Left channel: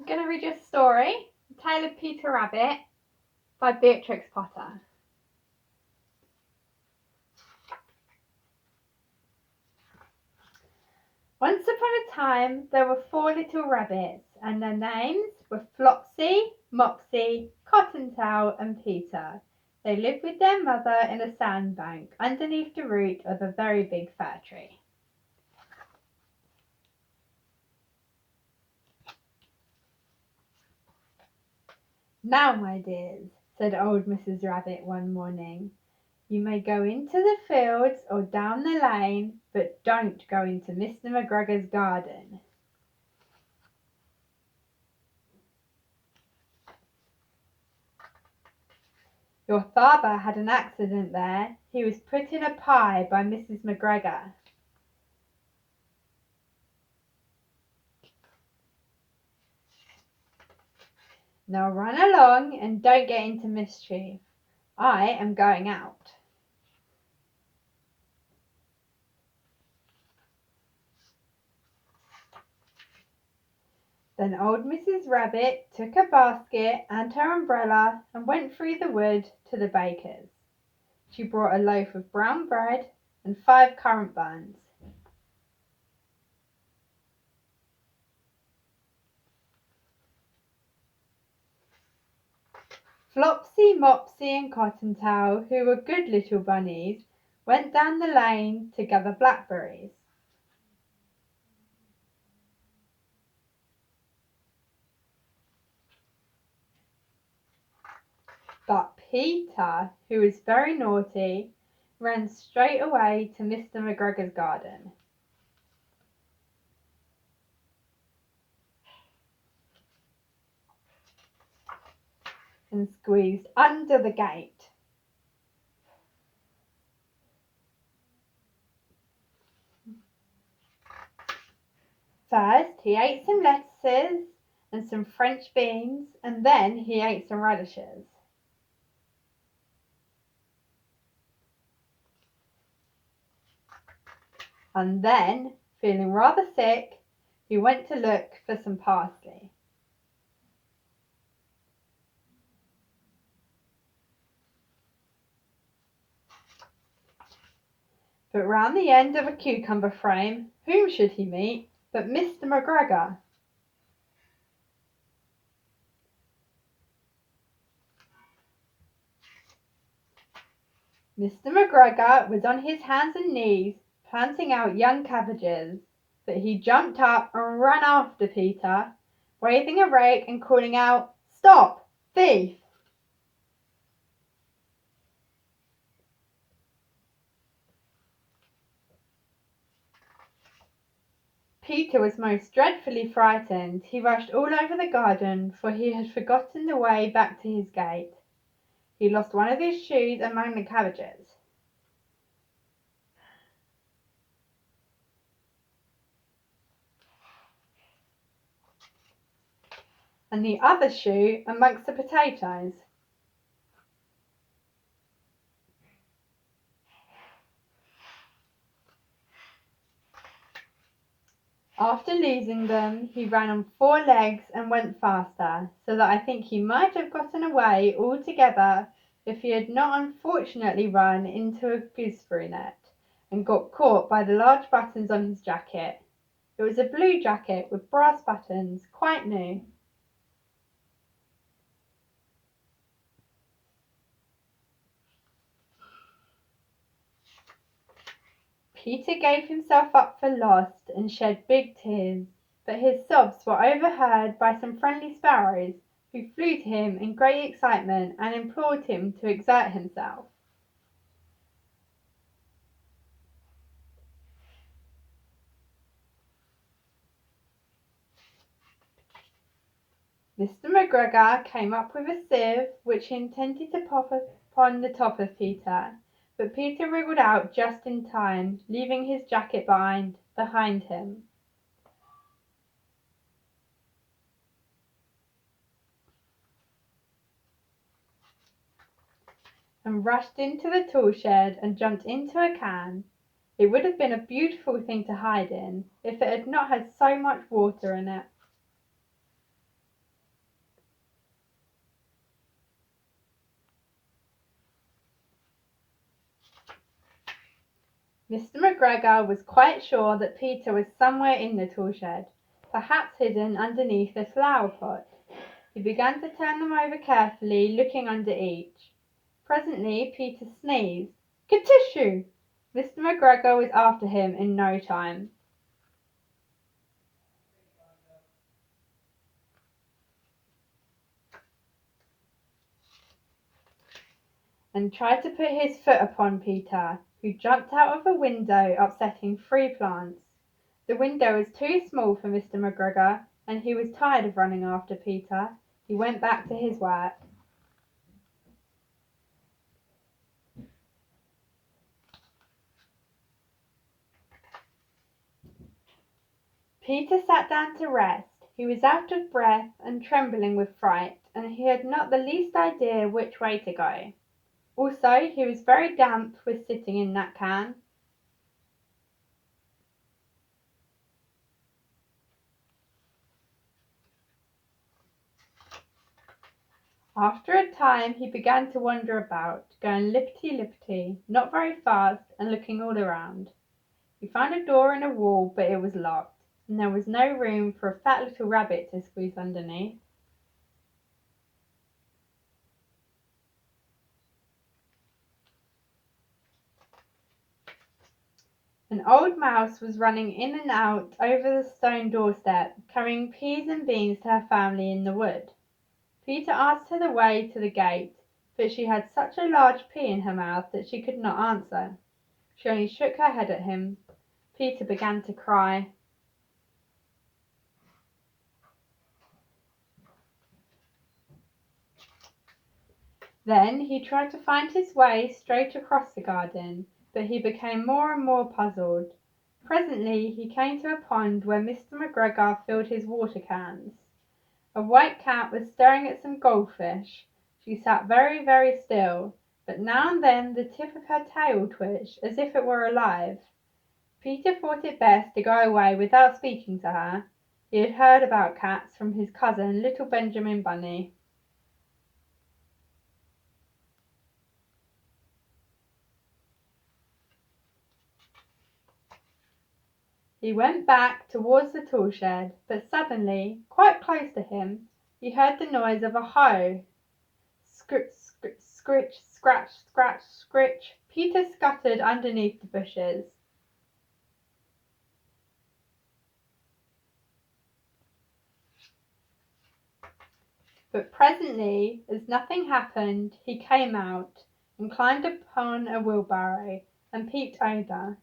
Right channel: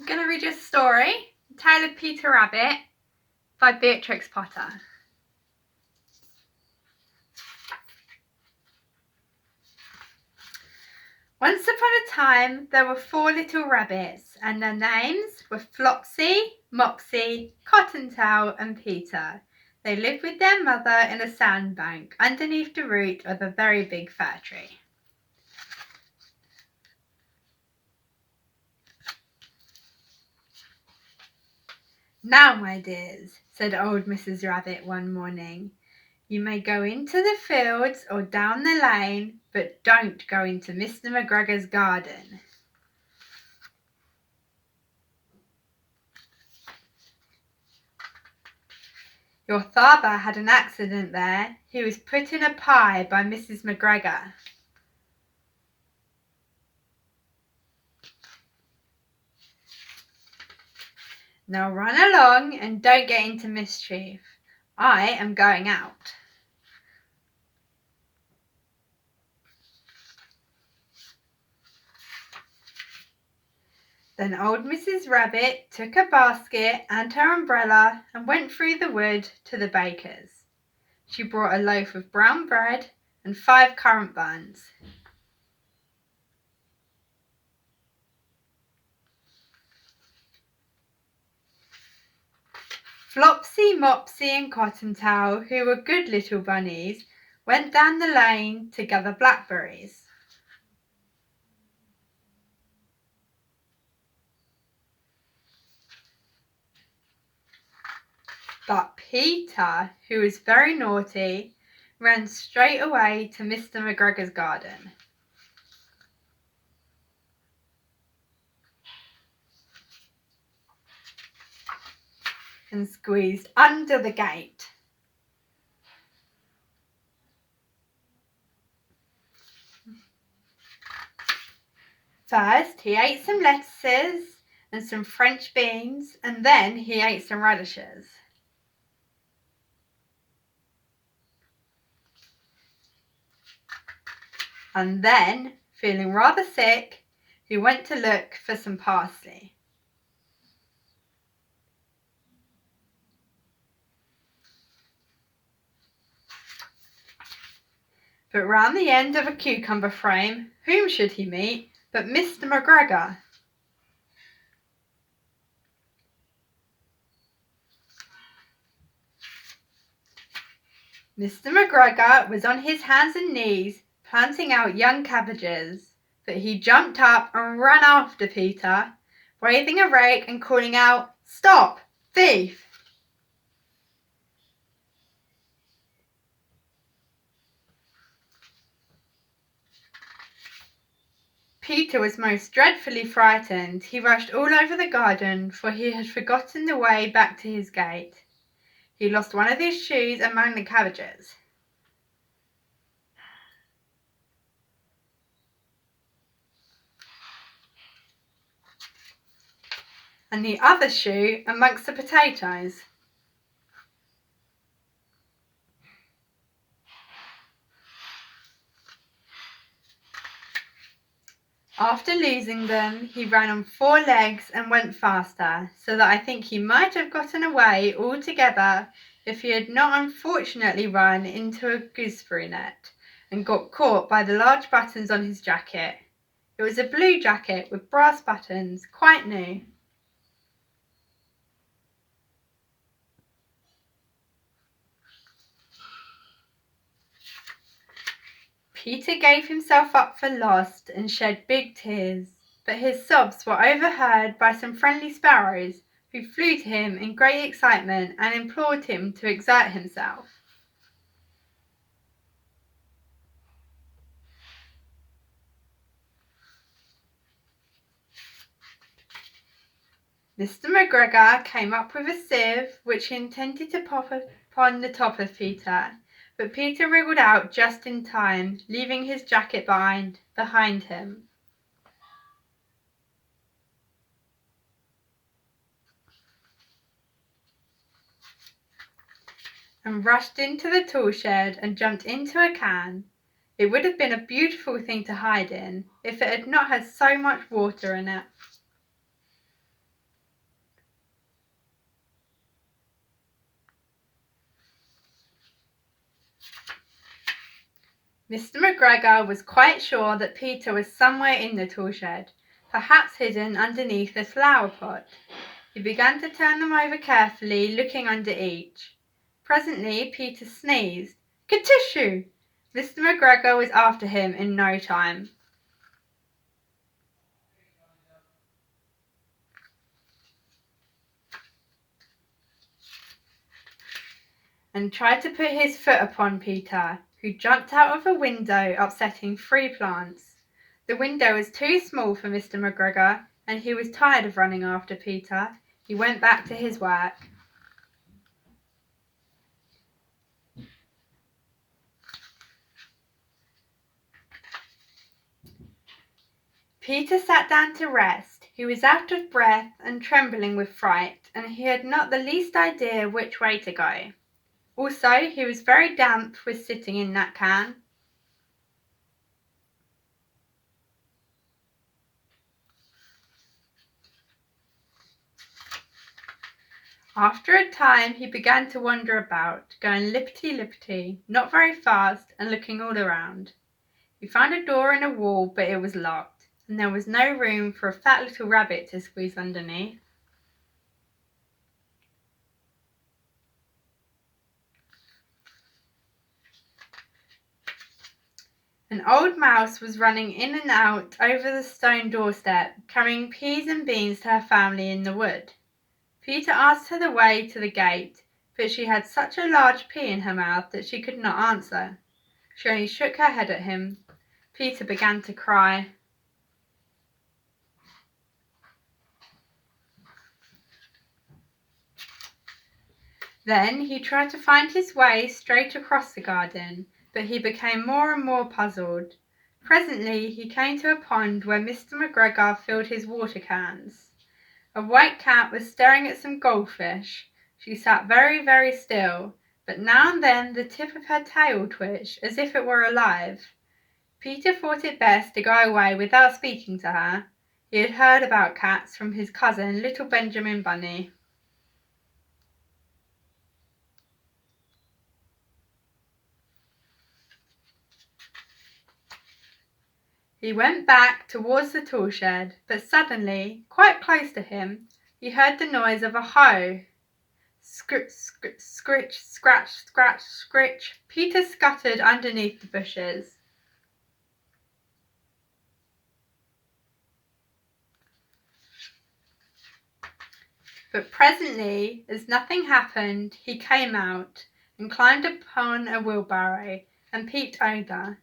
I'm going to read you a story, The Tale of Peter Rabbit by Beatrix Potter. Once upon a time there were 4 little rabbits, and their names were Flopsy, Mopsy, Cottontail and Peter. They lived with their mother in a sandbank underneath the root of a very big fir tree. "Now, my dears," said old Mrs. Rabbit one morning, "you may go into the fields or down the lane, but don't go into Mr. McGregor's garden." "Your father had an accident there. He was put in a pie by Mrs. McGregor." "Now run along and don't get into mischief. I am going out." Then old Mrs. Rabbit took a basket and her umbrella and went through the wood to the baker's. She brought a loaf of brown bread and 5 currant buns. Flopsy, Mopsy and Cottontail, who were good little bunnies, went down the lane to gather blackberries. But Peter, who was very naughty, ran straight away to Mr. McGregor's garden. And squeezed under the gate. First he ate some lettuces and some French beans, and then he ate some radishes. And then, feeling rather sick, he went to look for some parsley. But round the end of a cucumber frame, whom should he meet but Mr. McGregor? Mr. McGregor was on his hands and knees planting out young cabbages, but he jumped up and ran after Peter, waving a rake and calling out, "Stop, thief!" Peter was most dreadfully frightened. He rushed all over the garden, for he had forgotten the way back to his gate. He lost one of his shoes among the cabbages. And the other shoe amongst the potatoes. After losing them, he ran on 4 legs and went faster, so that I think he might have gotten away altogether if he had not unfortunately run into a gooseberry net and got caught by the large buttons on his jacket. It was a blue jacket with brass buttons, quite new. Peter gave himself up for lost and shed big tears, but his sobs were overheard by some friendly sparrows, who flew to him in great excitement and implored him to exert himself. Mr. McGregor came up with a sieve, which he intended to pop upon the top of Peter, but Peter wriggled out just in time, leaving his jacket behind him. And rushed into the tool shed and jumped into a can. It would have been a beautiful thing to hide in if it had not had so much water in it. Mr. McGregor was quite sure that Peter was somewhere in the tool shed, perhaps hidden underneath a flower pot. He began to turn them over carefully, looking under each. Presently Peter sneezed. "Kertissue!" Mr. McGregor was after him in no time, and tried to put his foot upon Peter, who jumped out of a window, upsetting 3 plants. The window was too small for Mr. McGregor, and he was tired of running after Peter. He went back to his work. Peter sat down to rest. He was out of breath and trembling with fright, and he had not the least idea which way to go. Also, he was very damp with sitting in that can. After a time he began to wander about, going lippity-lippity, not very fast, and looking all around. He found a door in a wall, but it was locked, and there was no room for a fat little rabbit to squeeze underneath. An old mouse was running in and out over the stone doorstep, carrying peas and beans to her family in the wood. Peter asked her the way to the gate, but she had such a large pea in her mouth that she could not answer. She only shook her head at him. Peter began to cry. Then he tried to find his way straight across the garden, but he became more and more puzzled. Presently he came to a pond where Mr. McGregor filled his water cans. A white cat was staring at some goldfish. She sat very, very still, but now and then the tip of her tail twitched as if it were alive. Peter thought it best to go away without speaking to her. He had heard about cats from his cousin, little Benjamin Bunny. He went back towards the tool shed, but suddenly, quite close to him, he heard the noise of a hoe. Scritch, scritch, scritch, scratch, scratch, scritch. Peter scuttered underneath the bushes. But presently, as nothing happened, he came out and climbed upon a wheelbarrow and peeped over.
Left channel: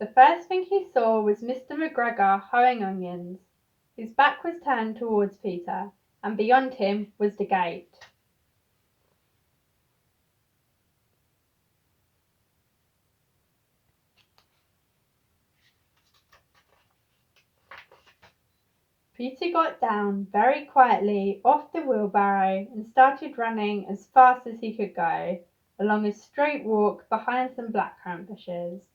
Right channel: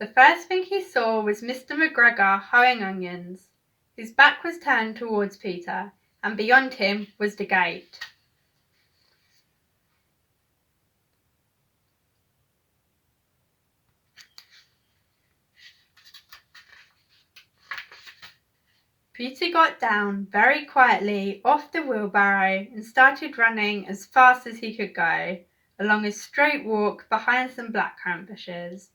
The first thing he saw was Mr. McGregor hoeing onions. His back was turned towards Peter, and beyond him was the gate. Peter got down very quietly off the wheelbarrow and started running as fast as he could go, along a straight walk behind some blackcurrant bushes.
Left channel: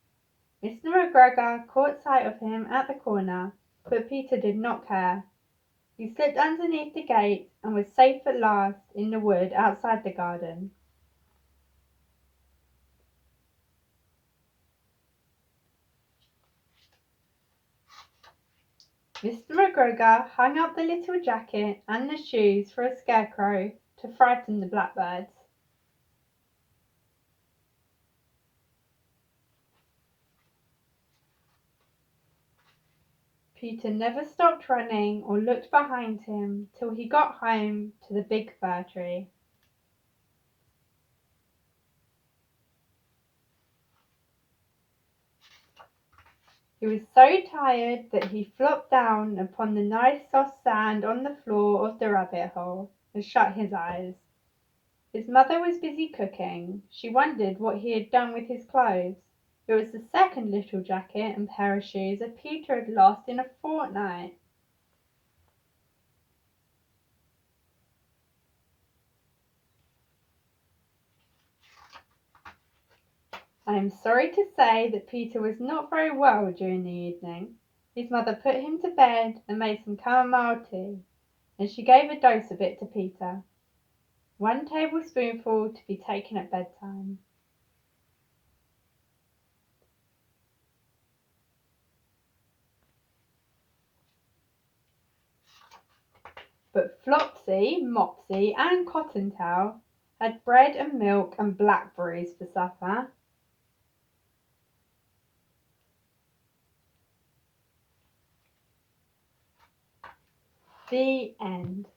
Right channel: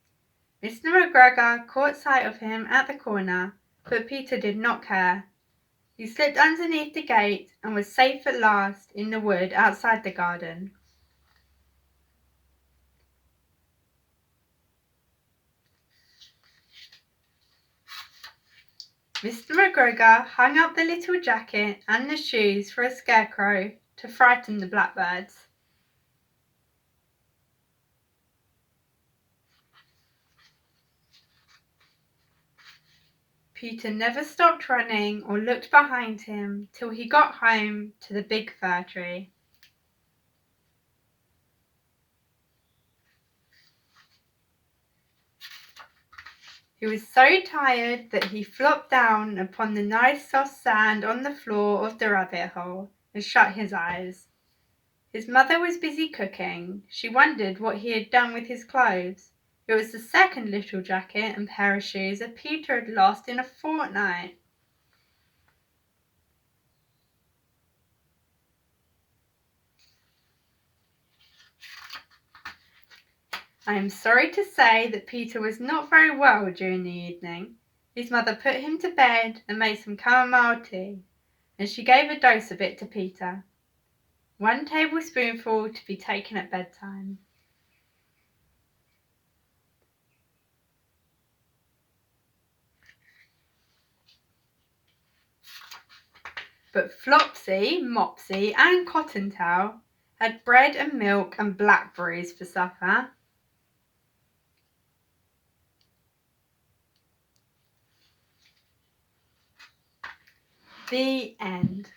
Mr. McGregor caught sight of him at the corner, but Peter did not care. He slipped underneath the gate and was safe at last in the wood outside the garden. Mr. McGregor hung up the little jacket and the shoes for a scarecrow to frighten the blackbirds. Peter never stopped running or looked behind him till he got home to the big fir tree. He was so tired that he flopped down upon the nice soft sand on the floor of the rabbit hole and shut his eyes. His mother was busy cooking. She wondered what he had done with his clothes. It was the second little jacket and pair of shoes that Peter had lost in a fortnight. I am sorry to say that Peter was not very well during the evening. His mother put him to bed and made some chamomile tea, and she gave a dose of it to Peter. 1 tablespoonful to be taken at bedtime. But Flopsy, Mopsy and Cottontail had bread and milk and blackberries for supper. The end.